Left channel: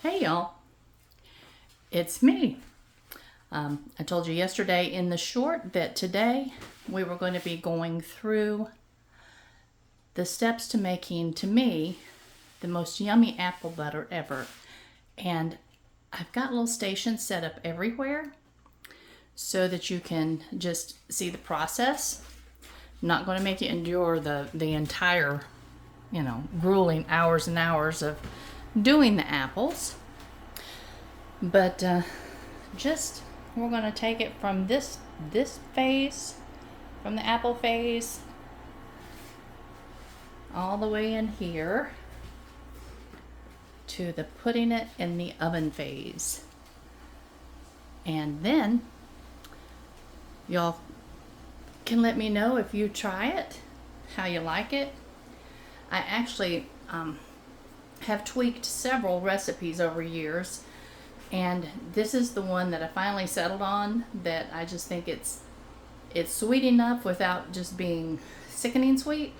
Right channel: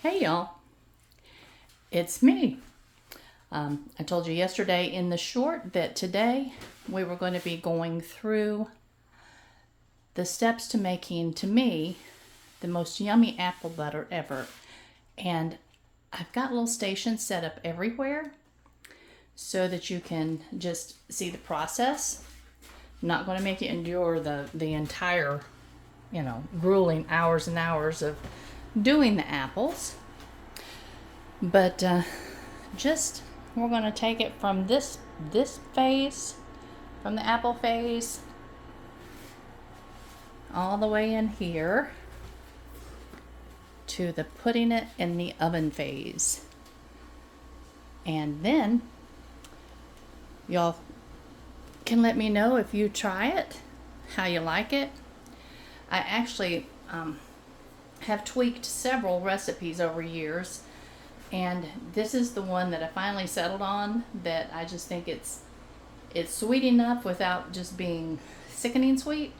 Hey y'all, it's me. I told you yesterday in the short that today we were going to be going through the steps to making, to me, the most yummy apple butter ever. And I've got little stations set up everywhere so that you can just see the process. I'm not going to make you endure the entire, grueling hours and hours of doing the apples. But just we're going to take it from this phase, from the apple phase, all the way in here to the putting it in the oven phase. And then y'all can let me know if you try it, how you like it. I actually have tweaked several recipes over years, and this is the one that I finally settled on, that I just think it's sweet enough without just being sickening sweet.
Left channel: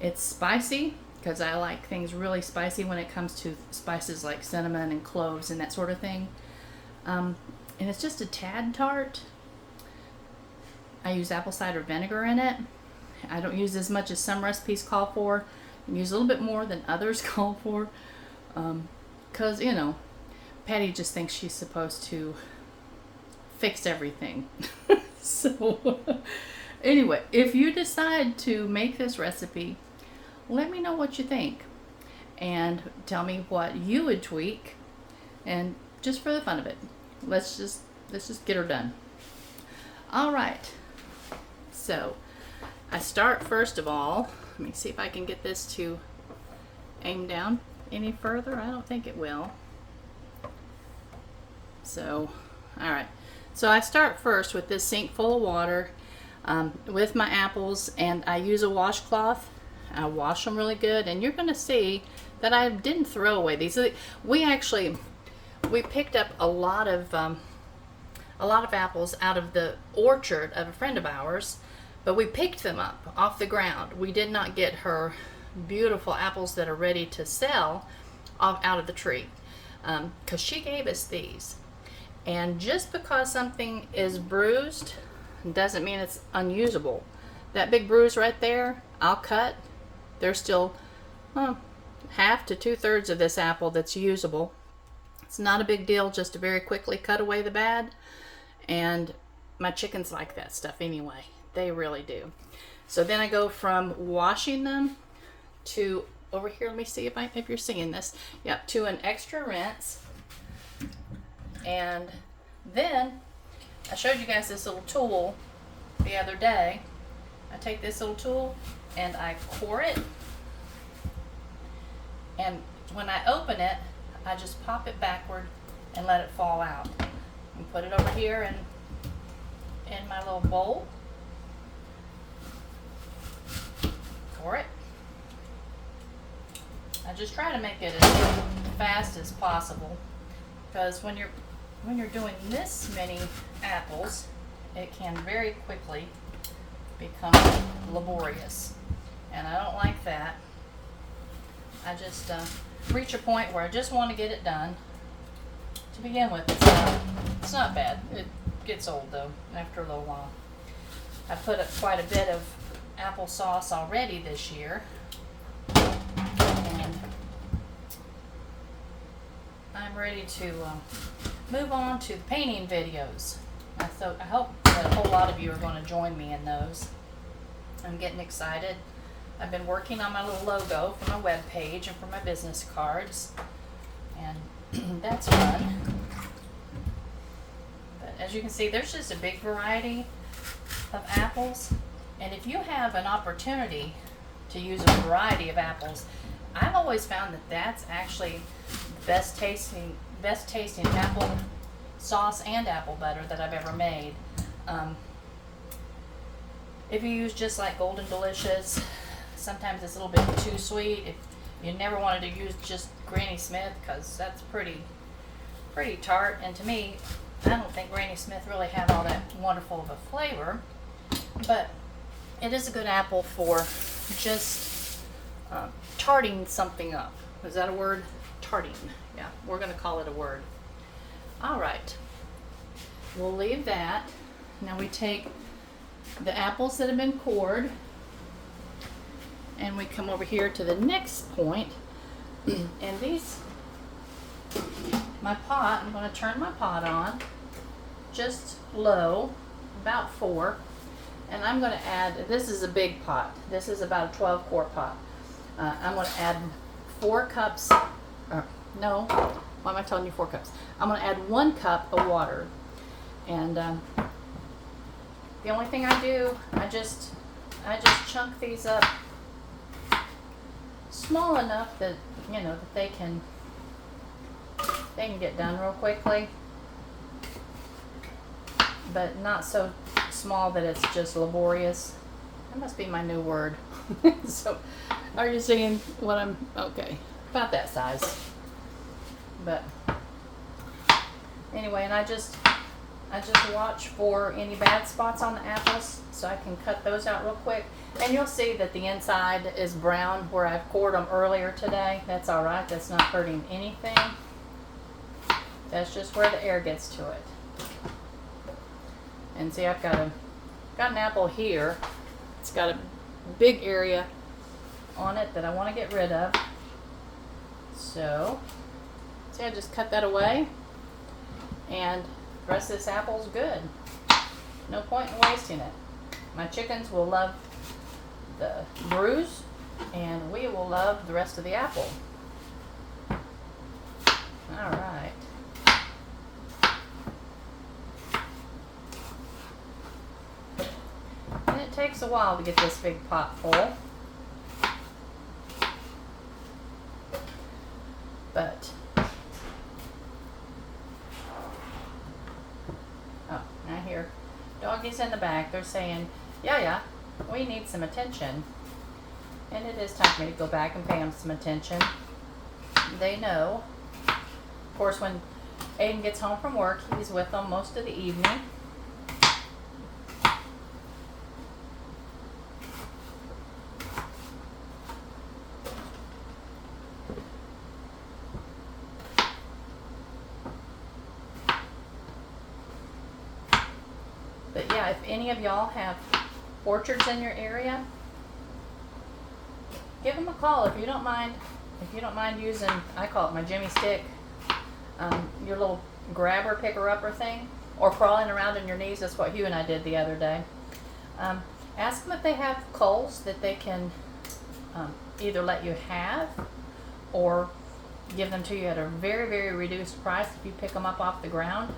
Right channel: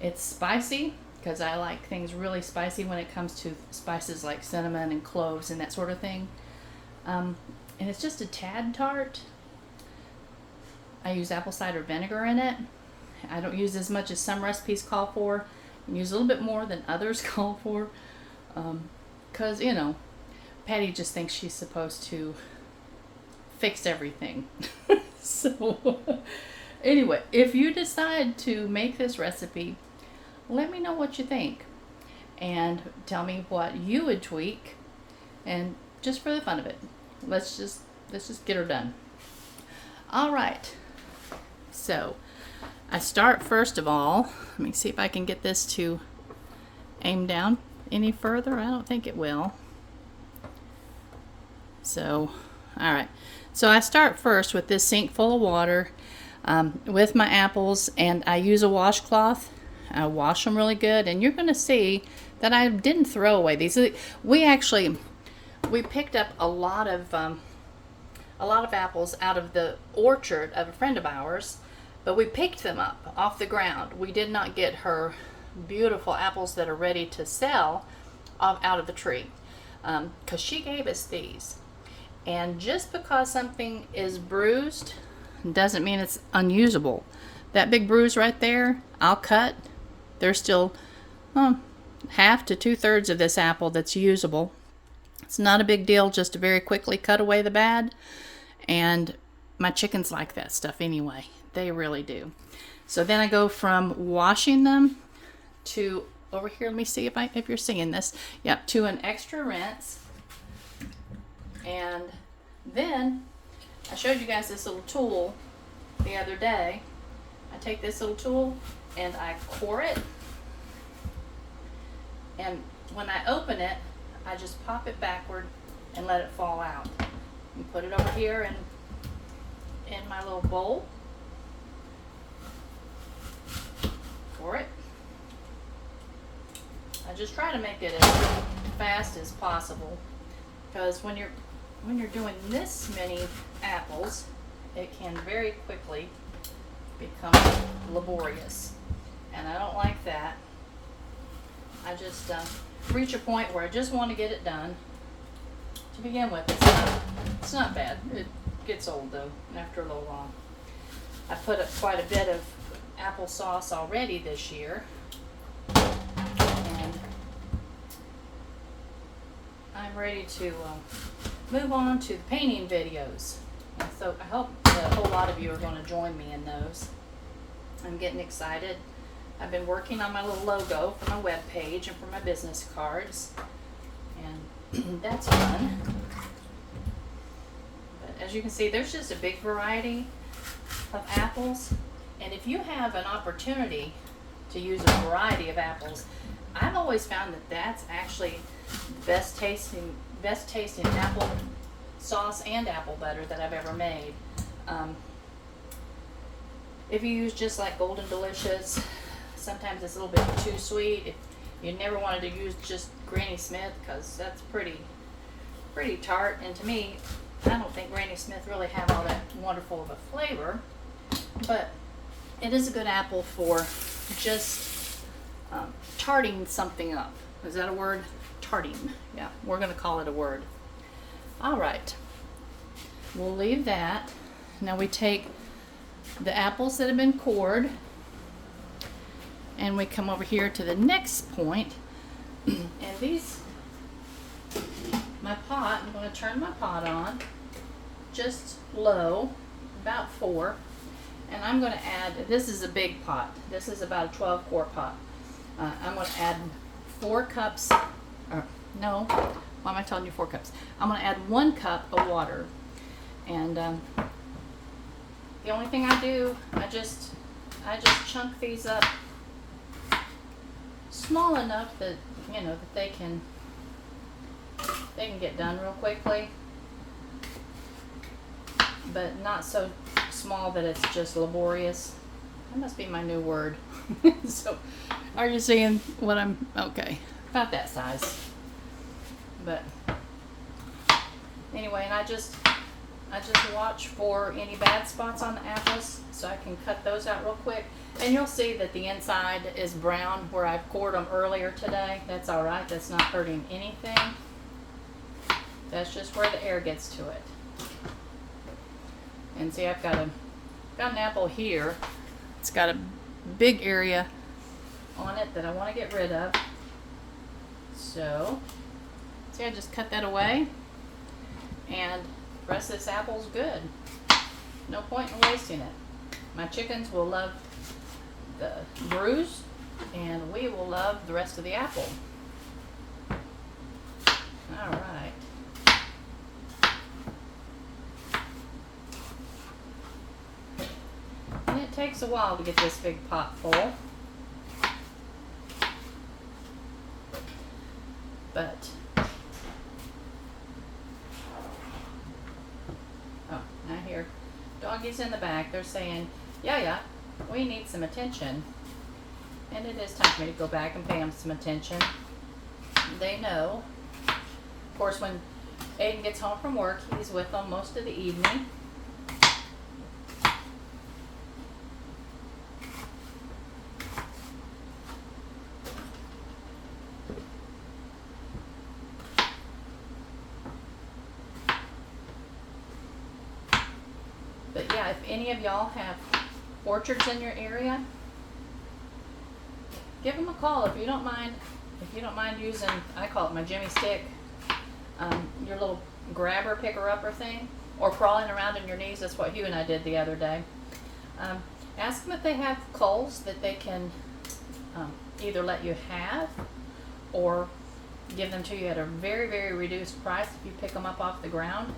It's spicy because I like things really spicy when it comes to spices like cinnamon and cloves and that sort of thing. And it's just a tad tart. I use apple cider vinegar in it. I don't use as much as some recipes call for. I use a little bit more than others call for. Because, Patty just thinks she's supposed to fix everything. So, anyway, if you decide to make this recipe, let me know what you think. And tell me what you would tweak. And just for the fun of it, let's just get her done. All right. So, I start first of all. Let me see if I can get this to aim down any further. I don't think it will. So, all right. So I start first with this sink full of water with my apples, and I use a washcloth. I wash them really good, and you're going to see that I didn't throw away these. We picked up a lot of apples out of the orchard of a friend of ours, but we picked them up off the ground. We did not get her beautiful apples that are ready to sell out of the tree, because she gave us these. And just because something is bruised doesn't mean it's unusable. That big bruise right there, I'll cut. There's still half to 2/3 of this apple that's usable. It's not a big deal, just to very quickly cut away the bad. And my chickens like that stuff anyway. They really do. So then I go from washing them to, over here, let me see if you're seeing this. Yep, to an extra rinse. And then I showed you guys this little tool the other day. I take this little tool and I core it. And when I open it, I just pop it backward and let it fall out. And put it over here in my little bowl. Core it. I just try to make it as fast as possible, because when you're doing this many apples, it can very quickly become laborious, and I don't like that. I just reach a point where I just want to get it done. To begin with, it's not bad. It gets old though after a little while. I put up quite a bit of applesauce already this year, and I'm ready to move on to the painting videos. I hope that a whole lot of you are going to join me in those. I'm getting excited. I've been working on my little logo for my web page and for my business cards, and that's fun. But as you can see, there's just a big variety of apples, and if you have an opportunity to use a variety of apples, I've always found that that's actually best tasting apple sauce and apple butter that I've ever made. If you use just like Golden Delicious, sometimes it's a little bit too sweet. If you never wanted to use just Granny Smith, because that's pretty tart, and to me, I don't think Granny Smith really have all that wonderful of a flavor, but it is a good apple for just tarting something up. Is that a word? tartine. Yeah, we're going to call it a word. All right. We'll leave that. Now we take the apples that have been cored and we come over here to the next point. And these, my pot, I'm going to turn my pot on just low, about 4. And I'm going to add, this is a big pot. This is about a 12-quart pot. I'm going to add 4 cups, no, why am I telling you 4 cups? I'm going to add 1 cup of water. And the only thing I do, I just chunk these up small enough that, you know, that they can get done real quickly, but not so small that it's just laborious. That must be my new word. So, are you seeing what I'm, okay, about that size. But anyway, and I just watch for any bad spots on the apples so I can cut those out real quick. And you'll see that the inside is brown where I've cored them earlier today. That's all right. That's not hurting anything. That's just where the air gets to it. And see, I've got an apple here. It's got a big area on it that I want to get rid of. So, see, I just cut that away. And the rest of this apple's good. No point in wasting it. My chickens will love the bruise, and we will love the rest of the apple. All right. And it takes a while to get this big pot full. But I hear doggies in the back. They're saying, yeah, we need some attention. And it is time for me to go back and pay them some attention. They know. Of course, when Aiden gets home from work, he's with them most of the evening. But yeah, if any of y'all have orchards in your area, give them a call if you don't mind. If you don't mind using, I call it my Jimmy stick, your little grabber picker upper thing, or crawling around on your knees. That's what Hugh and I did the other day. Ask them if they have culls that they can either let you have or give them to you at a very, very reduced price if you pick them up off the ground.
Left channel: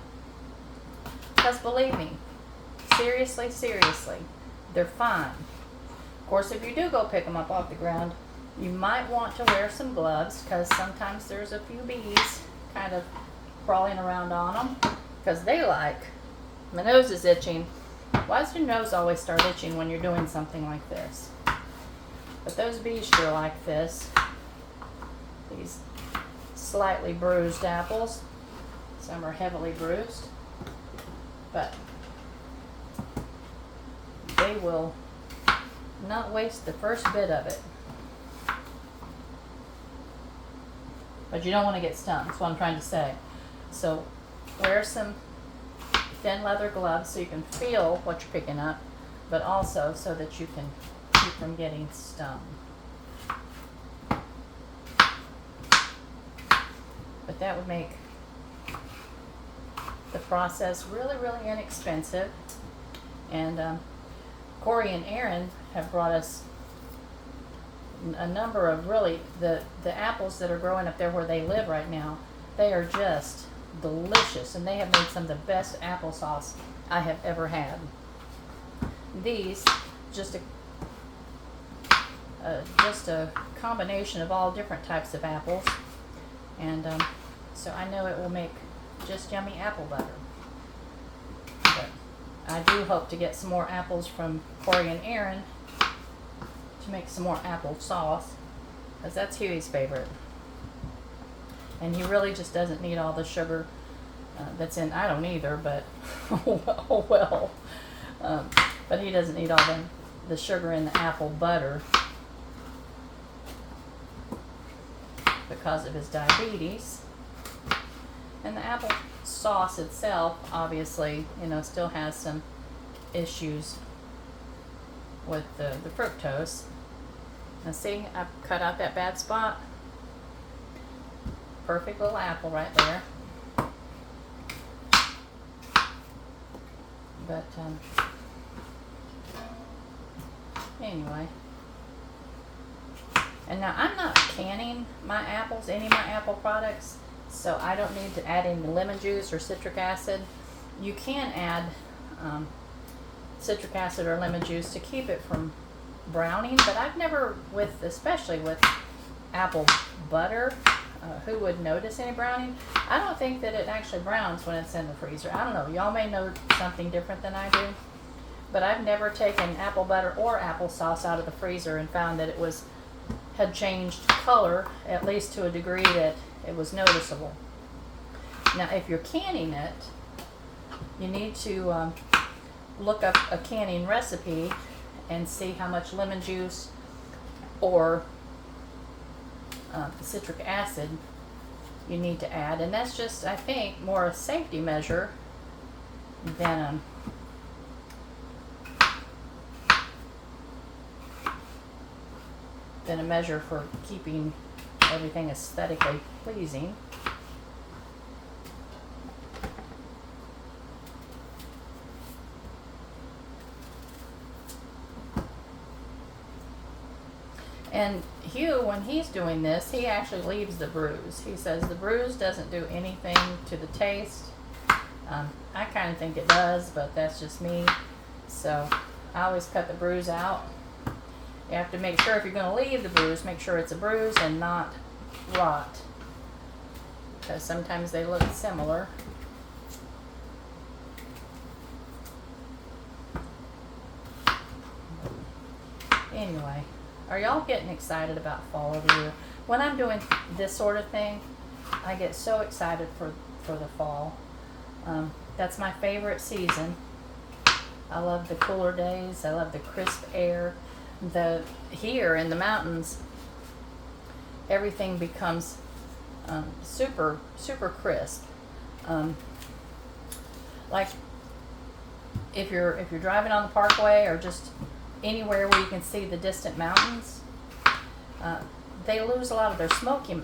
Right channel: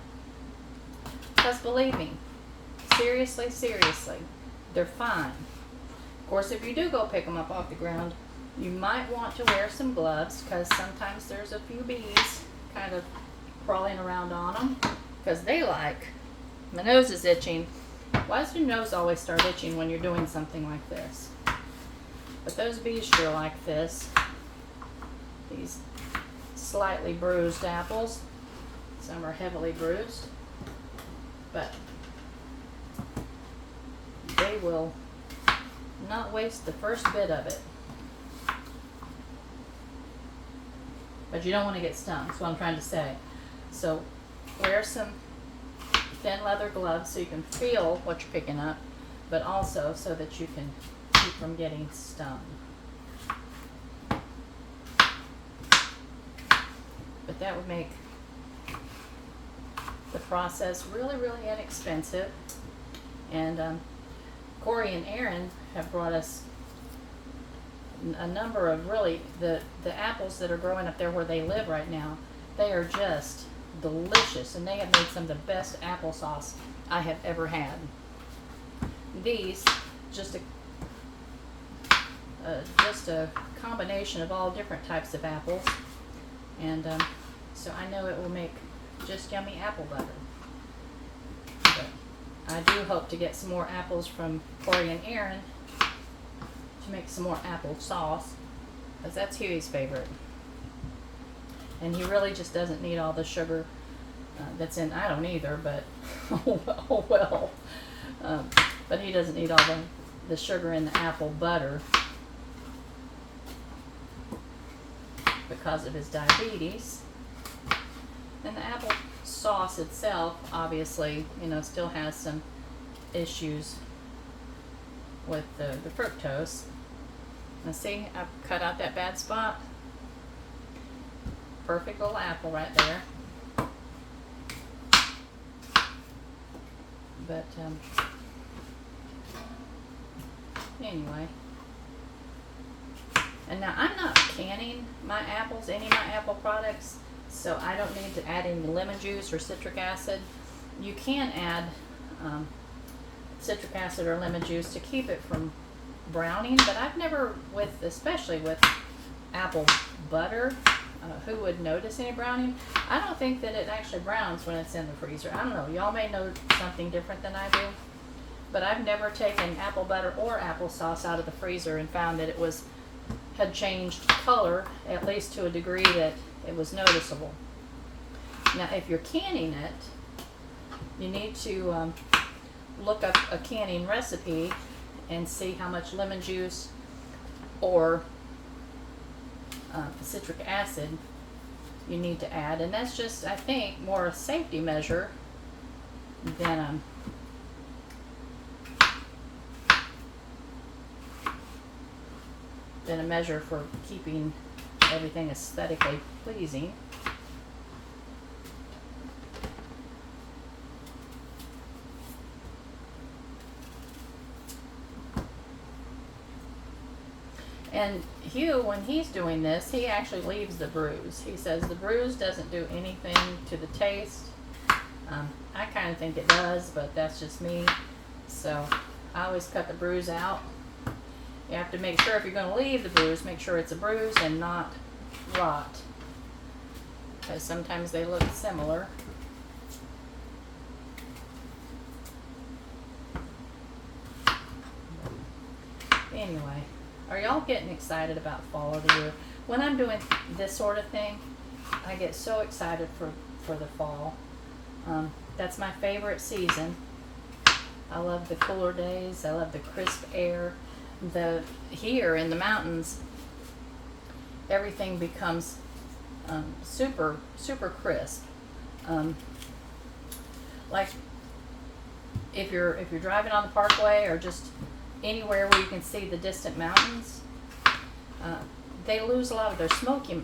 Because believe me, seriously, they're fine. Of course, if you do go pick them up off the ground, you might want to wear some gloves because sometimes there's a few bees kind of crawling around on them because they like, my nose is itching. Why does your nose always start itching when you're doing something like this? But those bees sure like this. These slightly bruised apples. Some are heavily bruised. But they will not waste the first bit of it. But you don't want to get stung, that's what I'm trying to say. So wear some thin leather gloves so you can feel what you're picking up, but also so that you can keep from getting stung. But that would make the process really, really inexpensive. And Corey and Aaron have brought us a number of really, the apples that are growing up there where they live right now, they are just delicious, and they have made some of the best applesauce I have ever had. These, just a combination of all different types of apples, and so I know it will make just yummy apple butter. But I do hope to get some more apples from Corey and Aaron to make some more apple sauce, because that's Huey's favorite. And he really just doesn't need all the sugar that's in, I don't either, but oh well. But he doesn't need all the sugar in the apple butter. because of his diabetes. And the apple sauce itself, obviously, still has some issues with the fructose. Now see, I've cut out that bad spot. Perfect little apple right there. But anyway. And now I'm not canning my apples, any of my apple products, so I don't need to add any lemon juice or citric acid. You can add citric acid or lemon juice to keep it from browning, but I've never, especially with apple butter, who would notice any browning? I don't think that it actually browns when it's in the freezer. I don't know. Y'all may know something different than I do, but I've never taken apple butter or applesauce out of the freezer and found that it had changed color, at least to a degree that it was noticeable. Now, if you're canning it, you need to look up a canning recipe and see how much lemon juice or citric acid you need to add, and that's just, I think, more a safety measure than a measure for keeping everything aesthetically pleasing. And Hugh, when he's doing this, he actually leaves the bruise. He says the bruise doesn't do anything to the taste. I kind of think it does, but that's just me. So I always cut the bruise out. You have to make sure, if you're going to leave the bruise, make sure it's a bruise and not rot, because sometimes they look similar. Anyway. Are y'all getting excited about fall over here? When I'm doing this sort of thing, I get so excited for the fall. That's my favorite season. I love the cooler days. I love the crisp air. Here in the mountains, everything becomes super, super crisp. Like if you're driving on the parkway or just anywhere where you can see the distant mountains, they lose a lot of their smoky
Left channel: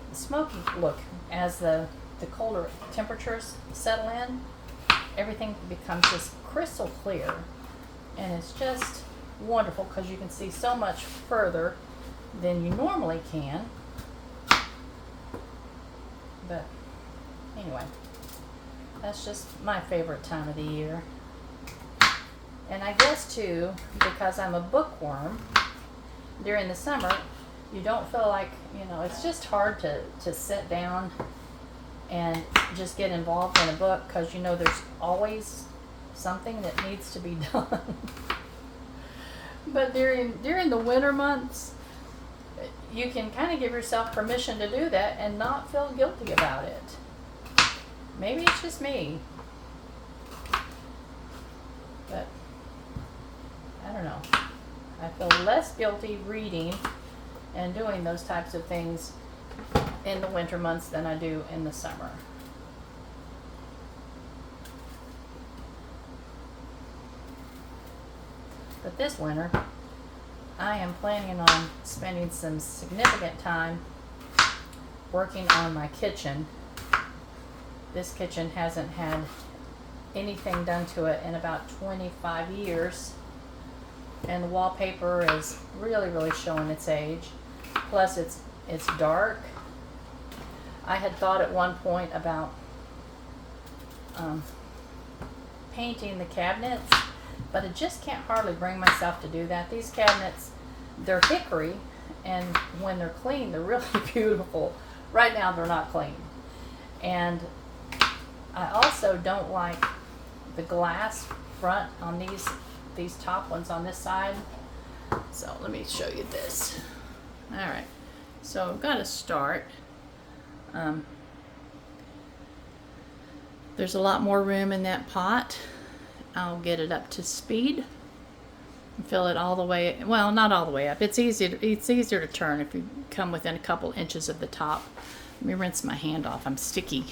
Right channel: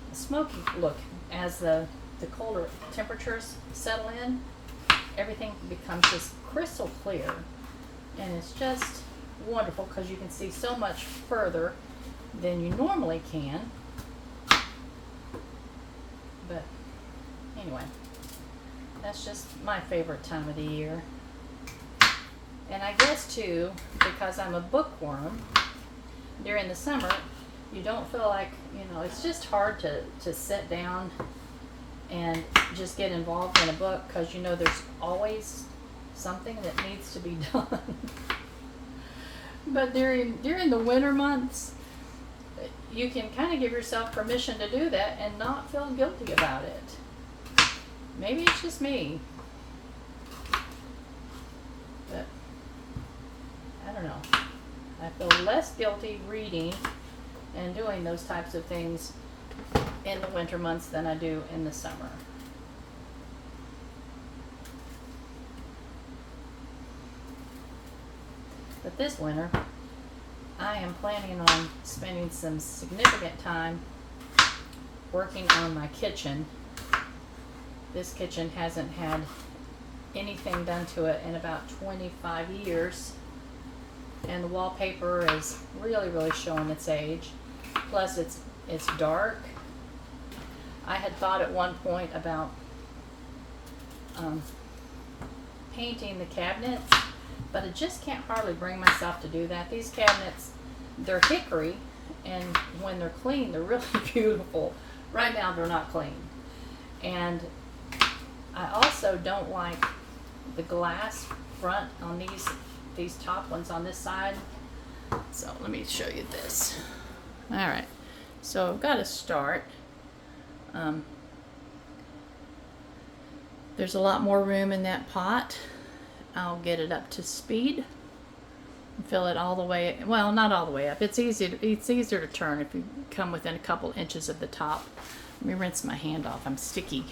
look as the colder temperatures settle in. Everything becomes just crystal clear, and it's just wonderful because you can see so much further than you normally can. But anyway, that's just my favorite time of the year. And I guess too, because I'm a bookworm, during the summer, you don't feel like, it's just hard to sit down and just get involved in a book, because there's always something that needs to be done. But during the winter months, you can kind of give yourself permission to do that and not feel guilty about it. Maybe it's just me. But I don't know. I feel less guilty reading and doing those types of things in the winter months than I do in the summer. But this winter, I am planning on spending some significant time working on my kitchen. This kitchen hasn't had anything done to it in about 25 years. And the wallpaper is really, really showing its age. Plus it's dark. I had thought at one point about painting the cabinets, but I just can't hardly bring myself to do that. These cabinets, they're hickory, and when they're clean, they're really beautiful. Right now, they're not clean. And I also don't like the glass front on these top ones on this side. So let me show you this. All right, so I've got to start. There's a lot more room in that pot. I'll get it up to speed Fill it all the way, well, not all the way up. It's easier to turn if you come within a couple inches of the top. Let me rinse my hand off. I'm sticky.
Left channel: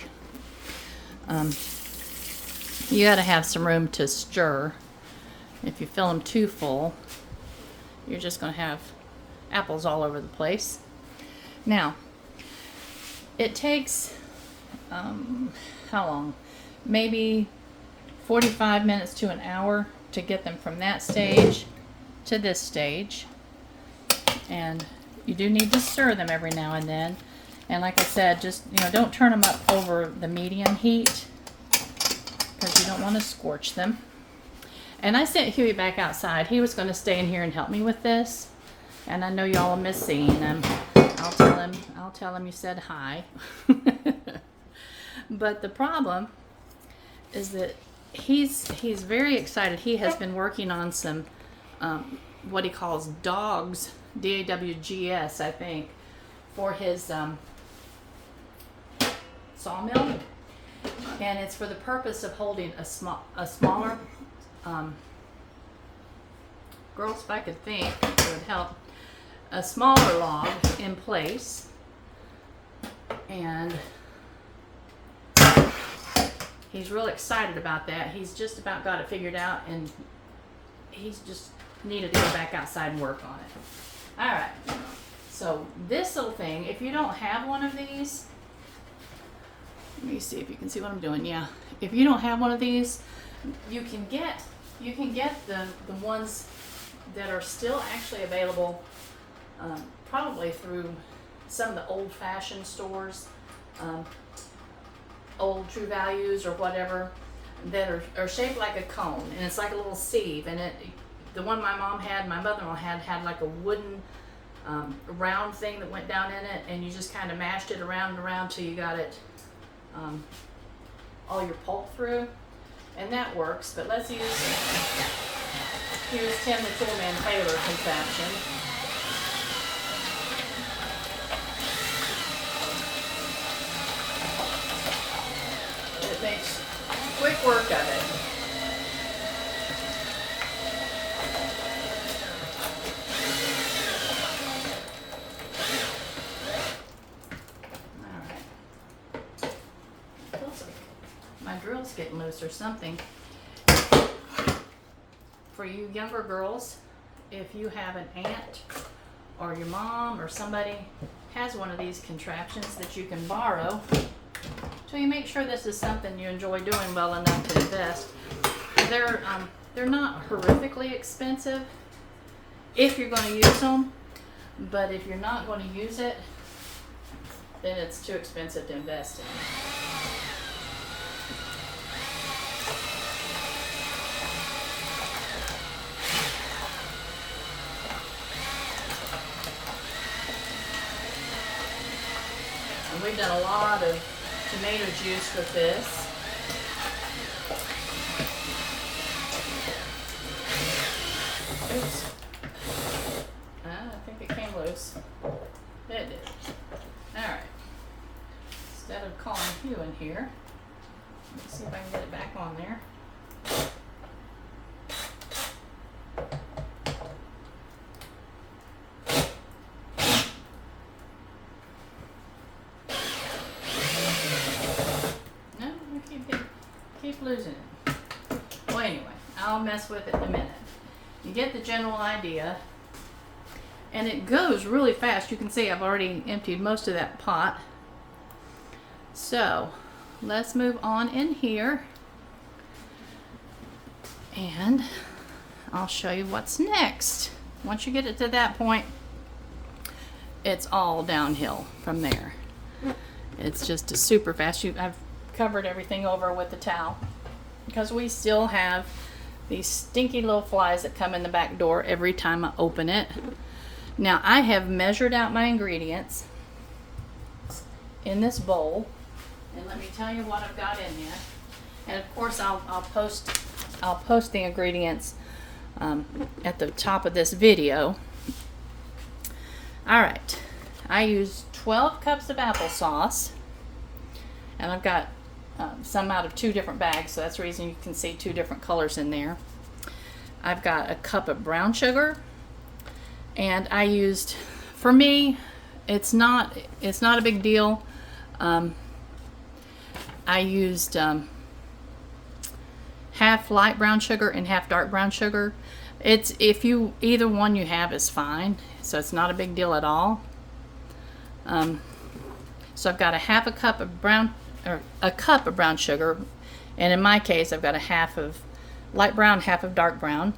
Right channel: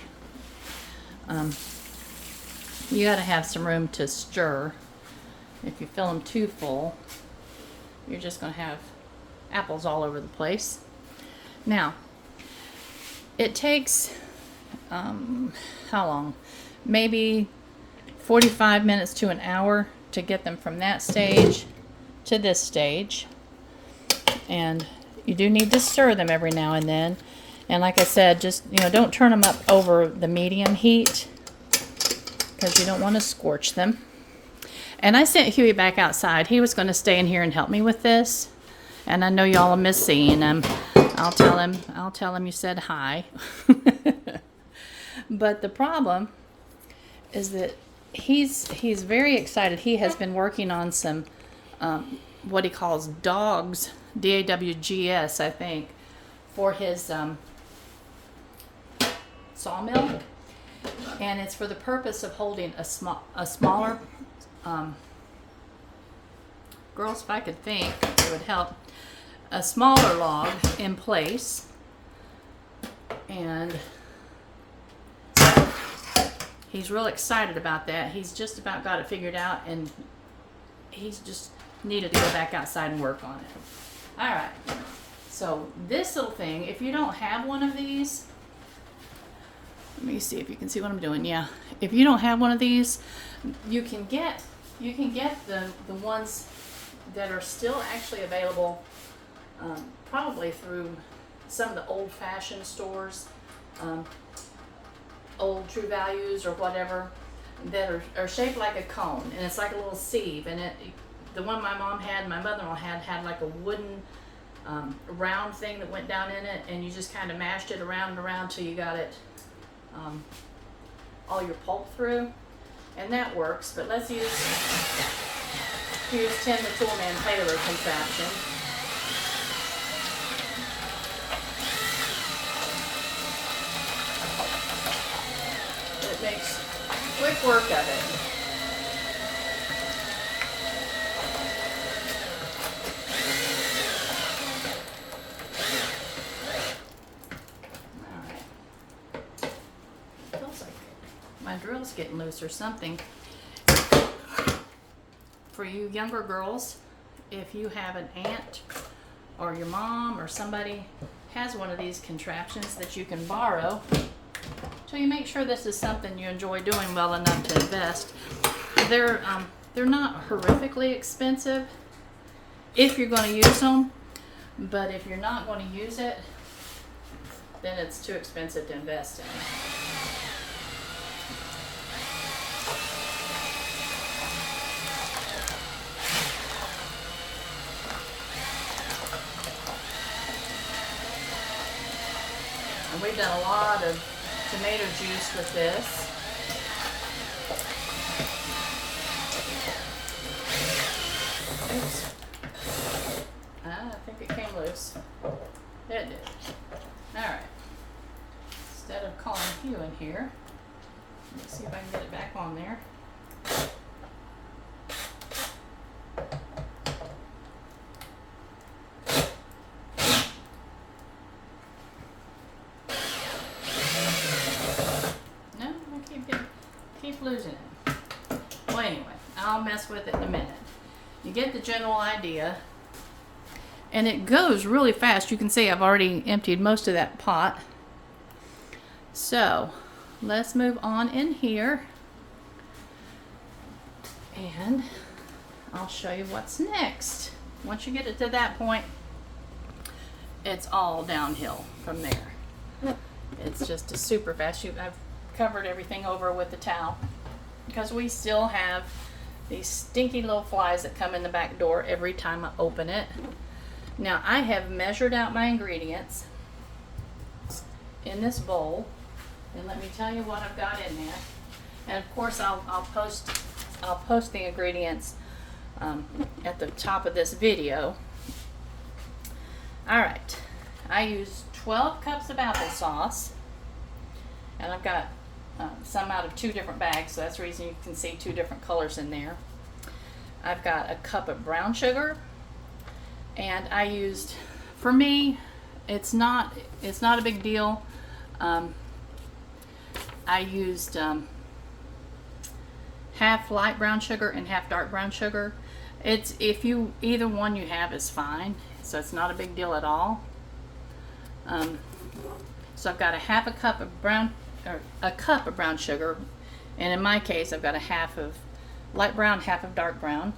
You got to have some room to stir. If you fill them too full, you're just going to have apples all over the place. Now, it takes, how long? Maybe 45 minutes to an hour to get them from that stage to this stage. And you do need to stir them every now and then. And like I said, just, don't turn them up over the medium heat because you don't want to scorch them. And I sent Huey back outside. He was going to stay in here and help me with this. And I know y'all will miss seeing him. I'll tell him you said hi. But the problem is that he's very excited. He has been working on some what he calls dogs, DAWGS, I think, for his sawmill, and it's for the purpose of holding a smaller girls, if I could think, it would help, a smaller log in place. And he's real excited about that. He's just about got it figured out, and he's just needed to go back outside and work on it. All right. So this little thing, if you don't have one of these, let me see if you can see what I'm doing. Yeah. If you don't have one of these, you can get the ones that are still actually available, probably through some of the old-fashioned stores, Old True Values or whatever, that are shaped like a cone, and it's like a little sieve. And the one my mom had, my mother-in-law had like a wooden round thing that went down in it, and you just kind of mashed it around and around till you got it all your pulp through, and that works. But let's use Tim the Toolman Taylor contraption. It makes quick work of it. Getting loose or something. For you younger girls, if you have an aunt or your mom or somebody has one of these contraptions that you can borrow, so you make sure this is something you enjoy doing well enough to invest. They're not horrifically expensive if you're going to use them, but if you're not going to use it, then it's too expensive to invest in. And we've done a lot of tomato juice with this. Oops. I think it came loose. It did. Alright. Instead of calling Hugh in here, let's see if I can get it back on there. Keep losing it. Well, anyway, I'll mess with it in a minute. You get the general idea, and it goes really fast. You can see I've already emptied most of that pot. So let's move on in here, and I'll show you what's next. Once you get it to that point, it's all downhill from there. It's just a super fast. I've covered everything over with the towel because we still have these stinky little flies that come in the back door every time I open it. Now I have measured out my ingredients in this bowl, and let me tell you what I've got in there. And of course I'll post the ingredients at the top of this video. All right, I use 12 cups of applesauce, and I've got some out of 2 different bags, so that's the reason you can see 2 different colors in there. I've got a cup of brown sugar, and I used, for me, it's not a big deal. I used half light brown sugar and half dark brown sugar. It's, if you, either one you have is fine, so it's not a big deal at all. So I've got a cup of brown sugar, and in my case I've got a half of light brown, half of dark brown.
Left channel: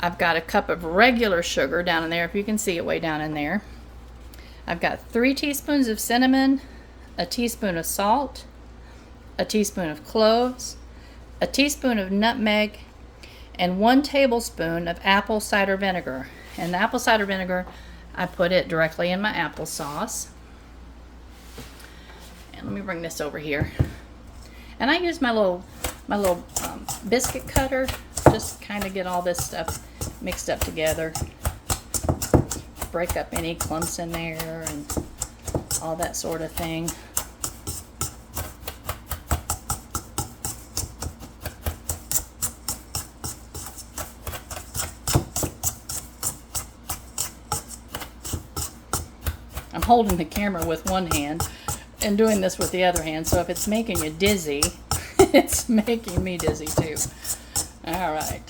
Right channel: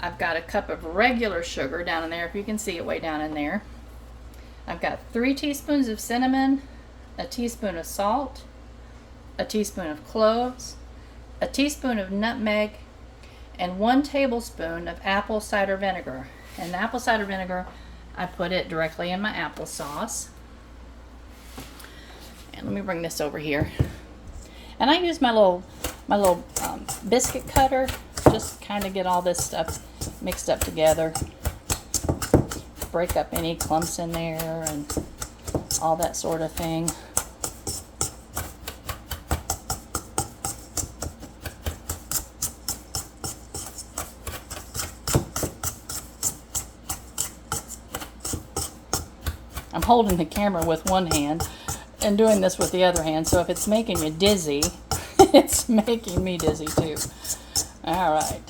I've got a cup of regular sugar down in there, if you can see it way down in there. I've got 3 teaspoons of cinnamon, a teaspoon of salt, a teaspoon of cloves, a teaspoon of nutmeg, and 1 tablespoon of apple cider vinegar. And the apple cider vinegar, I put it directly in my applesauce. And let me bring this over here. And I use my little biscuit cutter, just kind of get all this stuff mixed up together. Break up any clumps in there and all that sort of thing. I'm holding the camera with one hand and doing this with the other hand, so if it's making you dizzy, it's making me dizzy too. All right.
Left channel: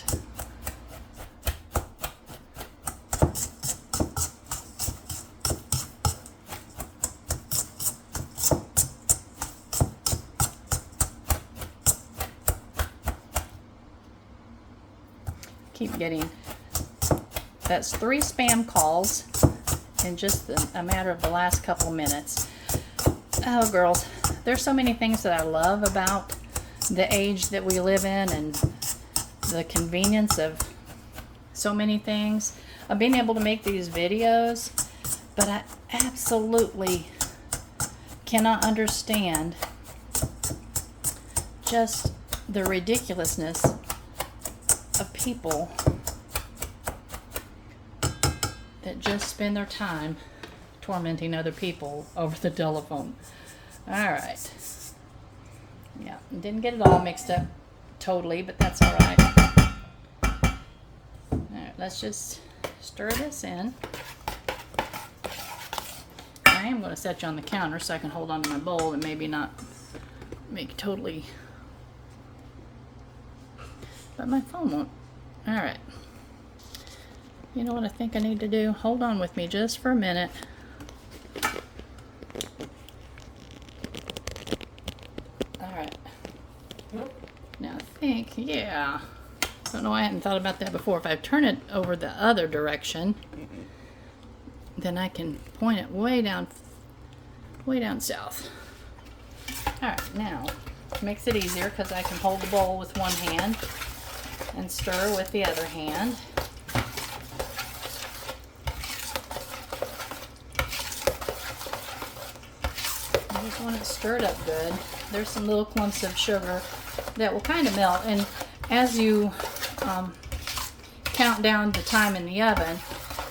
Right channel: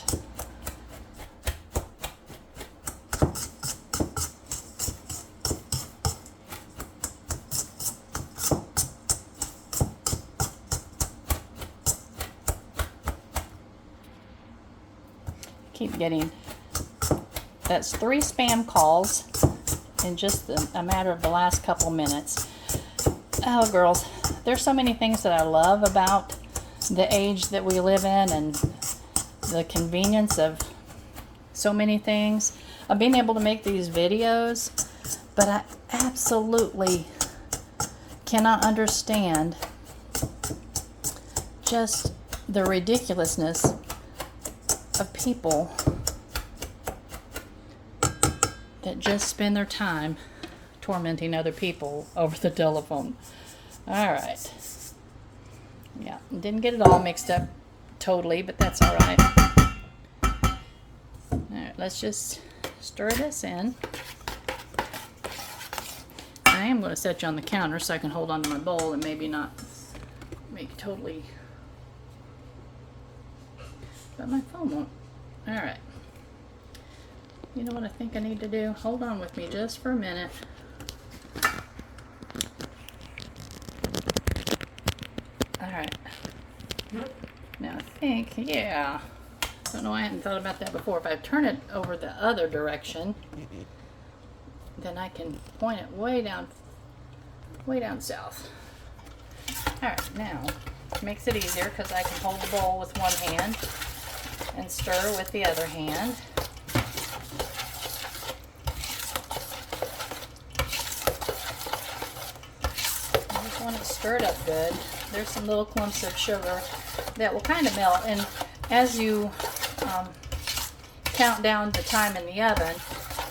Keep getting, that's 3 spam calls in just a matter of the last couple minutes. Oh, girls, there's so many things that I love about the age that we live in and the convenience of so many things. Of being able to make these videos, but I absolutely cannot understand just the ridiculousness of people that just spend their time tormenting other people over the telephone. All right. Yeah, didn't get it all mixed up totally, but that's all right. All right, let's just stir this in. I am going to set you on the counter so I can hold on to my bowl and maybe not make totally, but my phone won't. All right. You know what I think I need to do? Hold on with me just for a minute. All right. Now I think, yeah. Don't know why I hadn't thought about that before. If I turn it over the other direction, then I can point it way down south. All right, now makes it easier because I can hold the bowl with one hand and stir with the other hand. I just want it stirred up good. There's some little clumps of sugar that will kind of melt, and as you count down the time in the oven,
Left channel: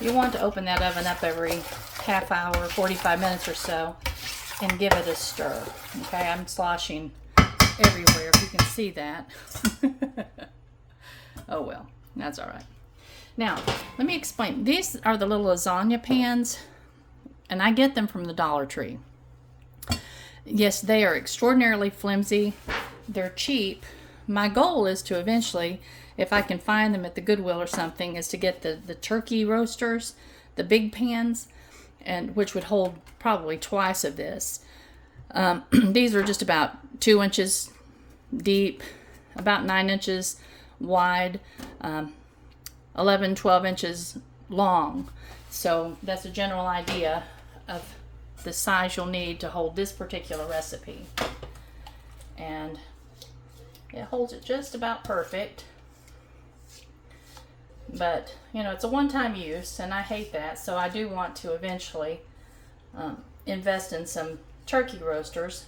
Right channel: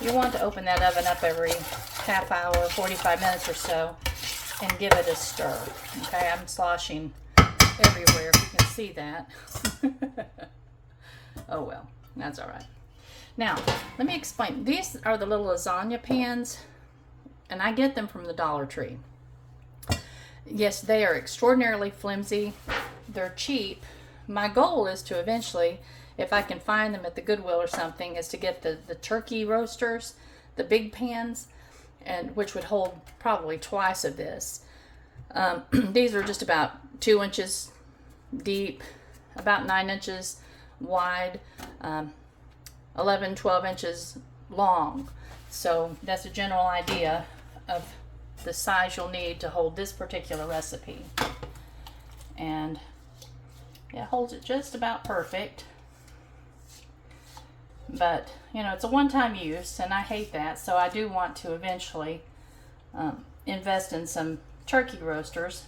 you want to open that oven up every half hour, 45 minutes or so, and give it a stir. Okay, I'm sloshing everywhere, if you can see that. Oh well, that's all right. Now, let me explain. These are the little lasagna pans, and I get them from the Dollar Tree. Yes, they are extraordinarily flimsy. They're cheap. My goal is to eventually, if I can find them at the Goodwill or something, is to get the turkey roasters, the big pans, and which would hold probably twice of this. These are just about 2 inches deep, about 9 inches wide, 11, 12 inches long. So that's a general idea of the size you'll need to hold this particular recipe. And it holds it just about perfect. But, you know, it's a one-time use, and I hate that. So I do want to eventually invest in some turkey roasters.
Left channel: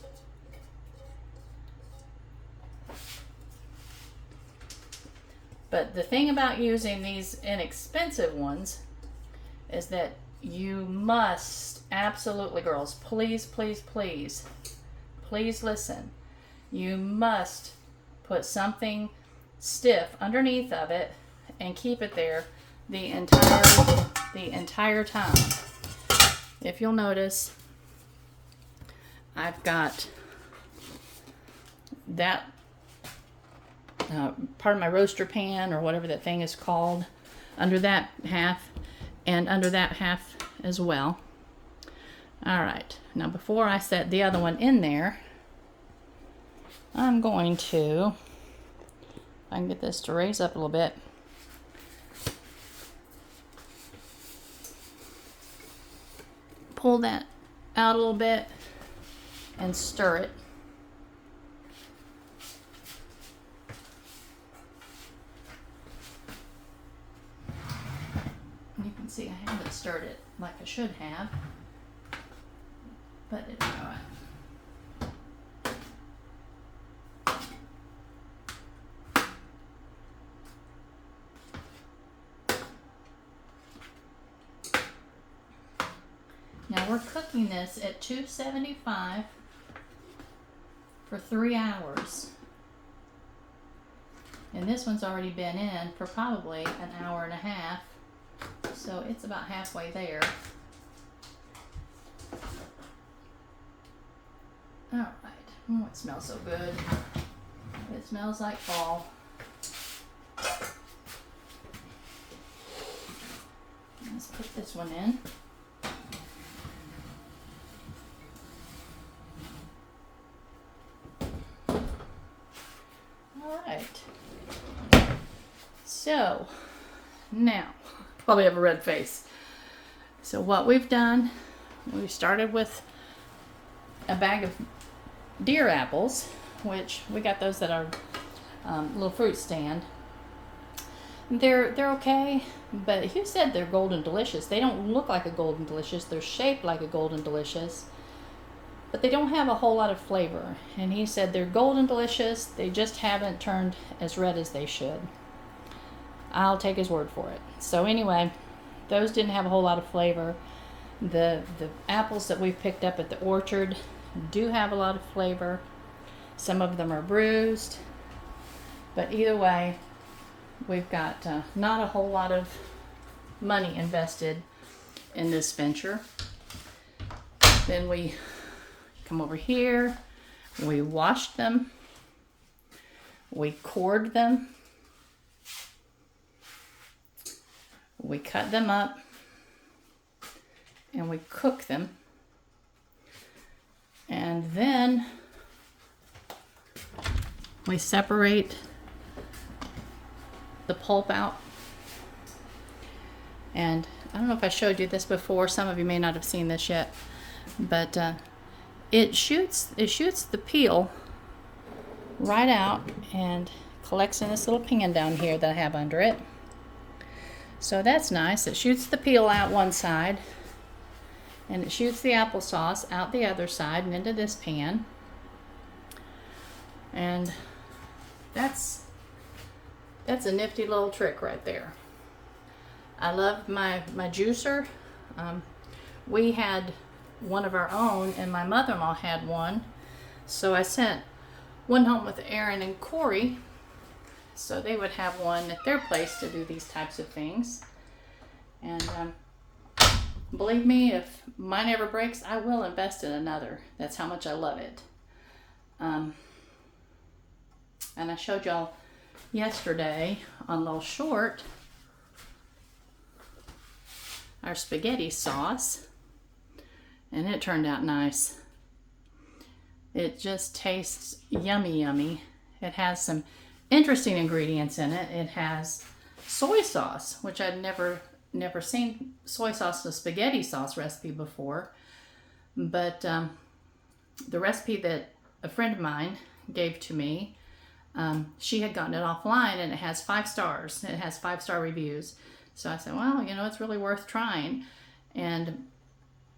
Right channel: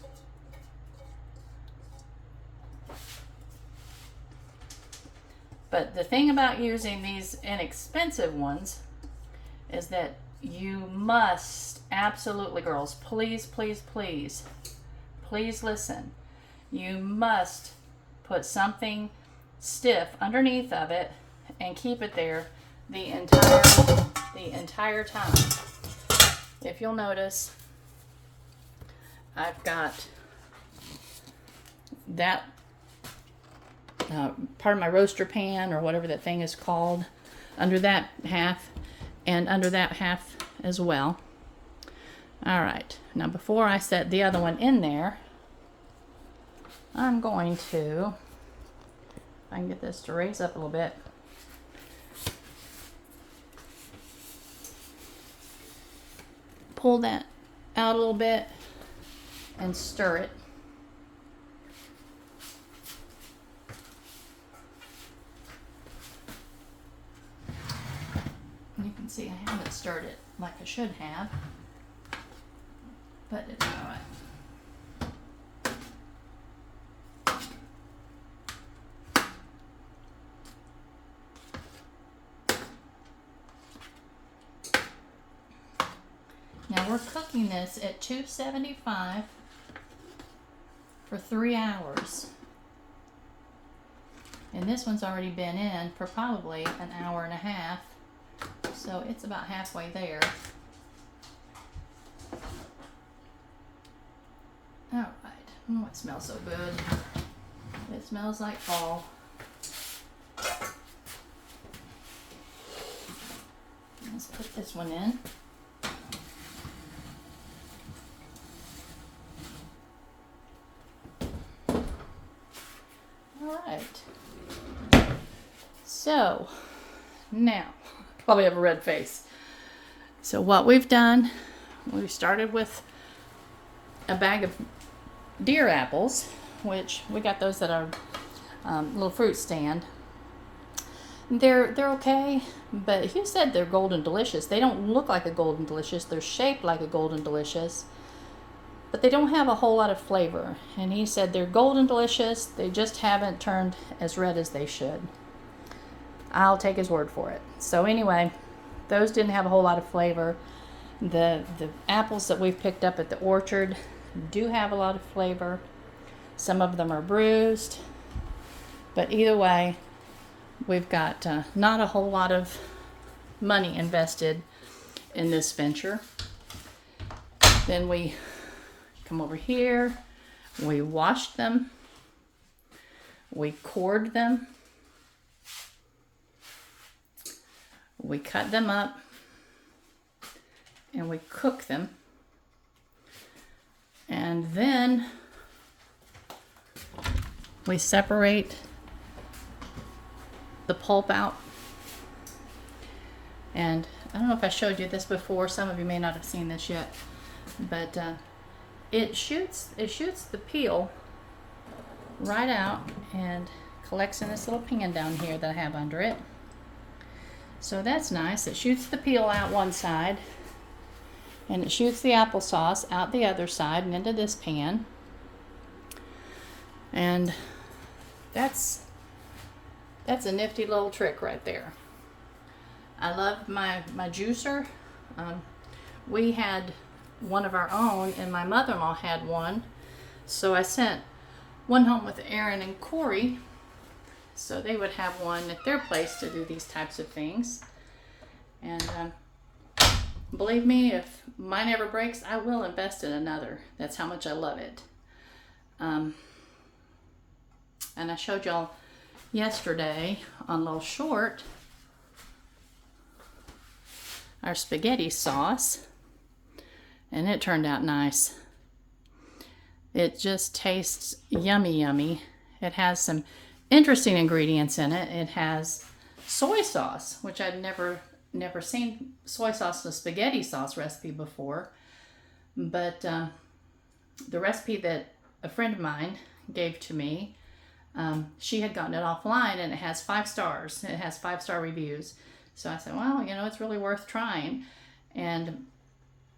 But the thing about using these inexpensive ones is that you must, absolutely, girls, please, please, please, please listen. You must put something stiff underneath of it and keep it there the entire time. If you'll notice, I've got that part of my roaster pan, or whatever that thing is called, under that half, and under that half as well. All right, now before I set the other one in there, I'm going to, if I can get this to raise up a little bit, pull that out a little bit and stir it. You can see I haven't stirred it like I should have, but it's all right. Now we're cooking this at 275 for 3 hours. And this one's already been in for probably an hour and a half. So it's about halfway there. All right. Oh, it smells so good. It smells like fall. Let's put this one in. So now, probably have a red face. So what we've done, we started with a bag of deer apples, which we got those at our little fruit stand. They're okay, but Hugh said they're golden delicious. They don't look like a golden delicious. They're shaped like a golden delicious, but they don't have a whole lot of flavor. And he said they're golden delicious. They just haven't turned as red as they should. I'll take his word for it. So anyway, those didn't have a whole lot of flavor. The apples that we've picked up at the orchard do have a lot of flavor. Some of them are bruised, but either way, we've got not a whole lot of money invested in this venture. Then we come over here, we washed them, we cored them, we cut them up, and we cook them. And then we separate the pulp out. And I don't know if I showed you this before. Some of you may not have seen this yet, but it shoots the peel right out and collects in this little pan down here that I have under it. So that's nice. It shoots the peel out one side, and it shoots the applesauce out the other side and into this pan. And that's a nifty little trick right there. I love my juicer. We had one of our own, and my mother-in-law had one. So I sent one home with Aaron and Corey, so they would have one at their place to do these types of things. And believe me, if mine ever breaks, I will invest in another. That's how much I love it. And I showed y'all yesterday on Little Short our spaghetti sauce, and it turned out nice. It just tastes yummy, yummy. It has some interesting ingredients in it. It has soy sauce, which I'd never seen soy sauce in a spaghetti sauce recipe before. But the recipe that a friend of mine gave to me, she had gotten it offline, and it has 5 stars. It has 5-star reviews. So I said, well, you know, it's really worth trying, and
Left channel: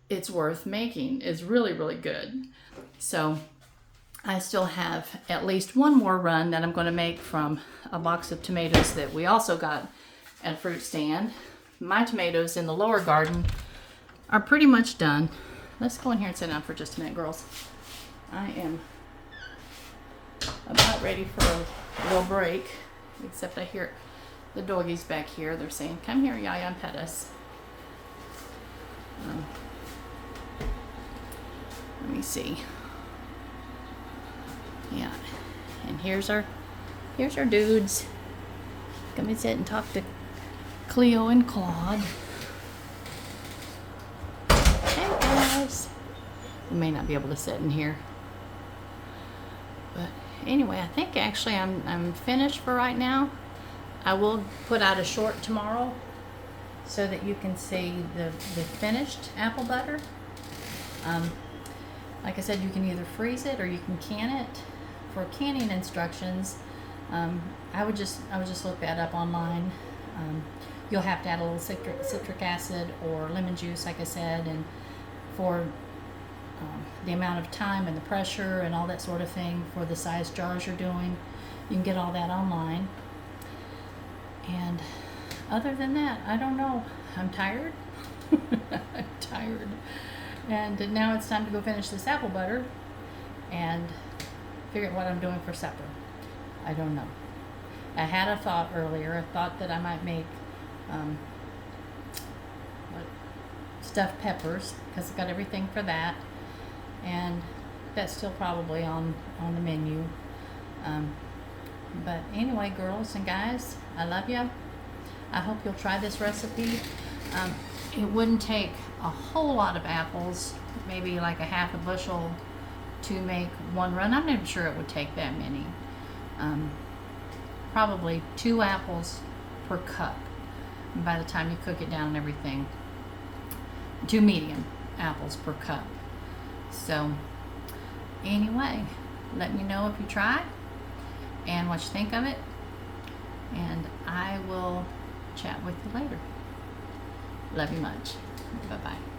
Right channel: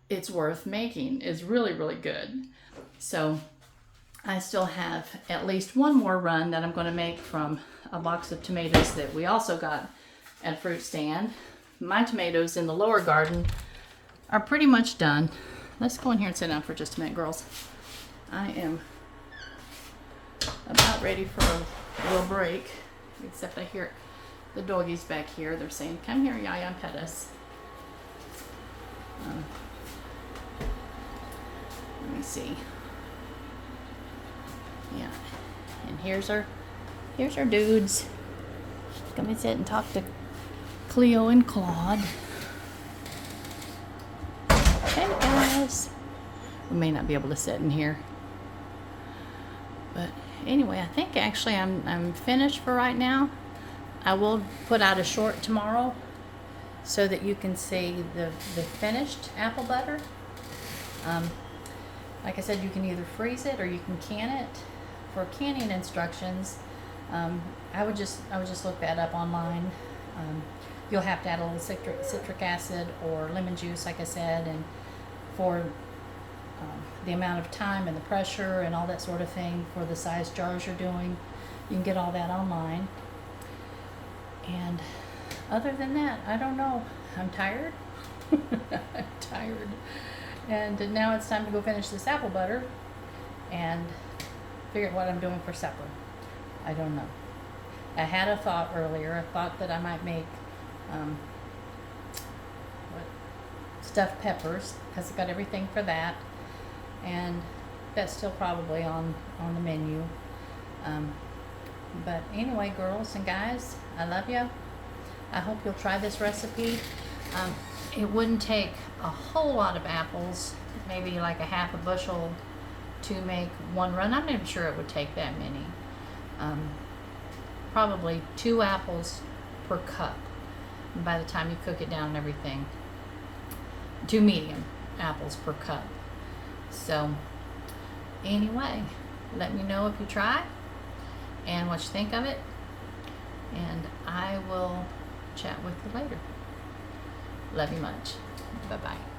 it's worth making. It's really, really good. So I still have at least one more run that I'm going to make from a box of tomatoes that we also got at a fruit stand. My tomatoes in the lower garden are pretty much done. Let's go in here and sit down for just a minute, girls. I am about ready for a little break, except I hear the doggies back here. They're saying, come here, Yaya, and pet us. Let me see. Yeah. And here's our dudes. Come and sit and talk to Cleo and Claude. Hey guys. We may not be able to sit in here. But anyway, I think actually I'm finished for right now. I will put out a short tomorrow so that you can see the finished apple butter. Like I said, you can either freeze it or you can can it. For canning instructions, I would just look that up online. You'll have to add a little citric acid or lemon juice, like I said, and for the amount of time and the pressure and all that sort of thing for the size jars you're doing, you can get all that online. And other than that, I don't know. I'm tired. I'm tired. And now it's time to go finish this apple butter and figure out what I'm doing for supper. I don't know. I had a thought earlier. I thought that I might make stuffed peppers, because I got everything for that, and that's still probably on the menu. But anyway, girls and guys, I love you. I hope you'll try this recipe. It wouldn't take a whole lot of apples, maybe like a half a bushel to make one run. I'm not sure it would take that many. Probably 2 apples per cup by the time you cook it down and everything. 2 medium apples per cup. So anyway, let me know if you try and what you think of it, and I will chat with you later. Love you much. Bye-bye.